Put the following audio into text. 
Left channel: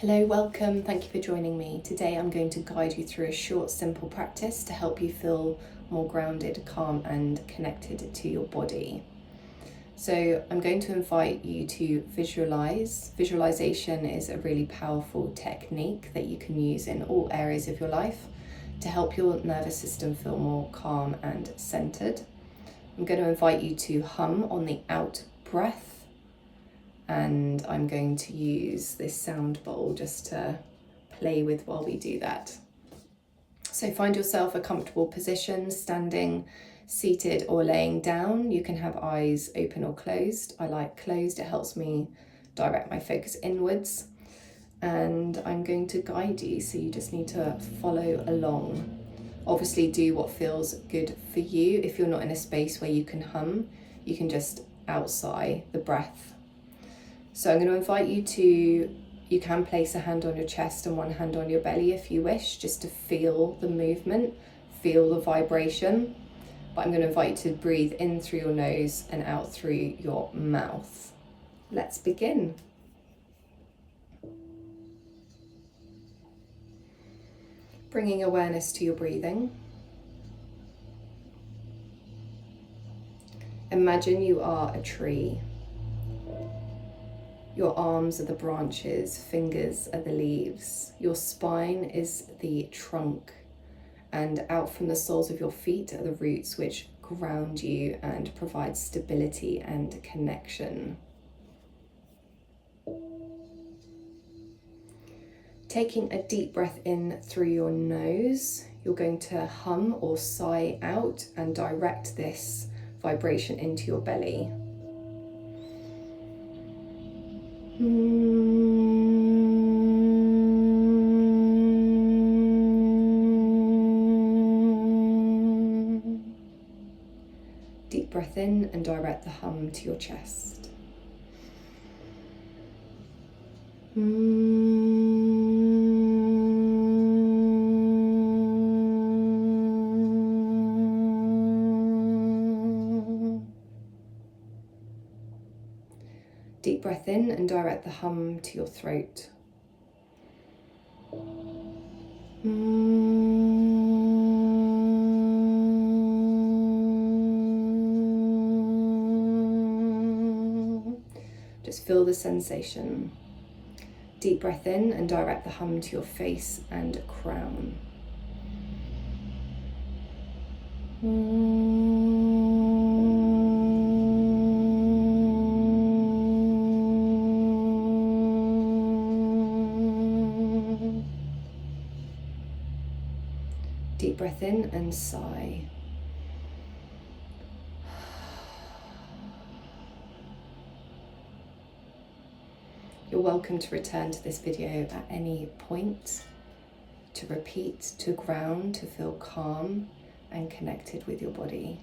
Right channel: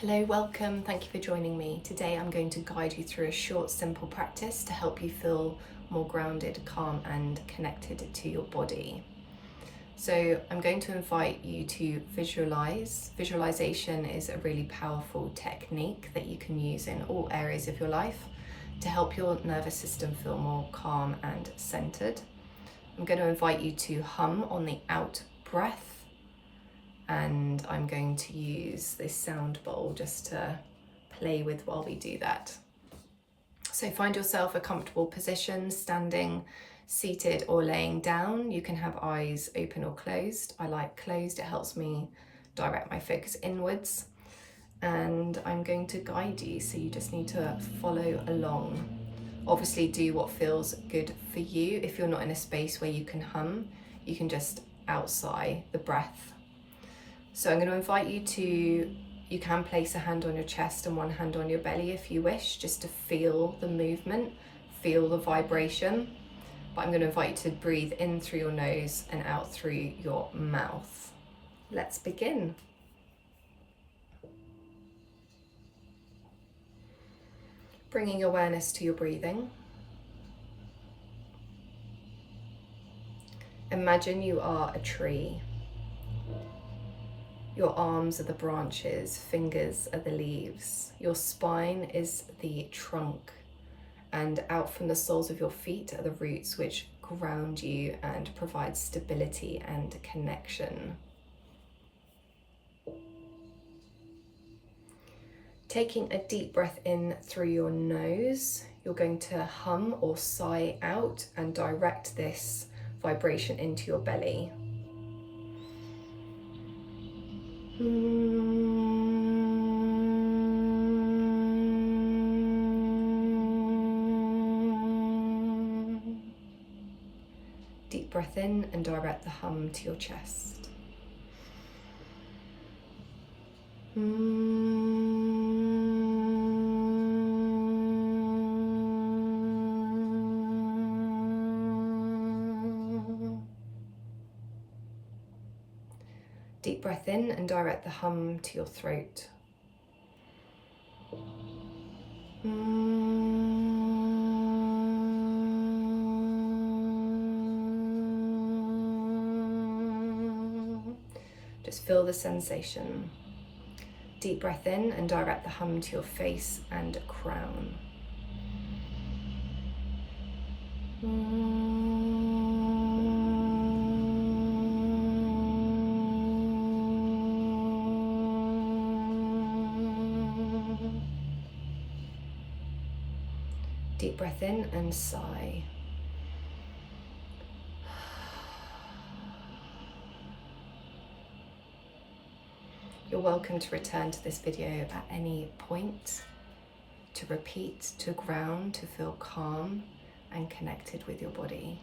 Hello, welcome. Thank you for joining me. Today I'm going to guide you through a short, simple practice to help you feel more grounded, calm and connected to your body. So I'm going to invite you to visualize. Visualization is a really powerful technique that you can use in all areas of your life to help your nervous system feel more calm and centered. I'm going to invite you to hum on the out breath. And I'm going to use this sound bowl just to play with while we do that. So find yourself a comfortable position, standing, seated or laying down. You can have eyes open or closed. I like closed, it helps me direct my focus inwards. And I'm going to guide you, so you just need to follow along. Obviously do what feels good for you. If you're not in a space where you can hum, you can just outsigh the breath. So I'm going to invite you to, you can place a hand on your chest and one hand on your belly if you wish, just to feel the movement, feel the vibration. But I'm going to invite you to breathe in through your nose and out through your mouth. Let's begin. Bringing awareness to your breathing. Imagine you are a tree. Your arms are the branches, fingers are the leaves. Your spine is the trunk, and out from the soles of your feet are the roots which ground you and provide stability and connection. Taking a deep breath in through your nose, you're going to hum or sigh out and direct this vibration into your belly. Deep breath in and direct the hum to your chest. Deep breath in and direct the hum to your throat. Just feel the sensation. Deep breath in and direct the hum to your face and crown. Deep breath in and sigh. You're welcome to return to this video at any point, to repeat, to ground, to feel calm and connected with your body.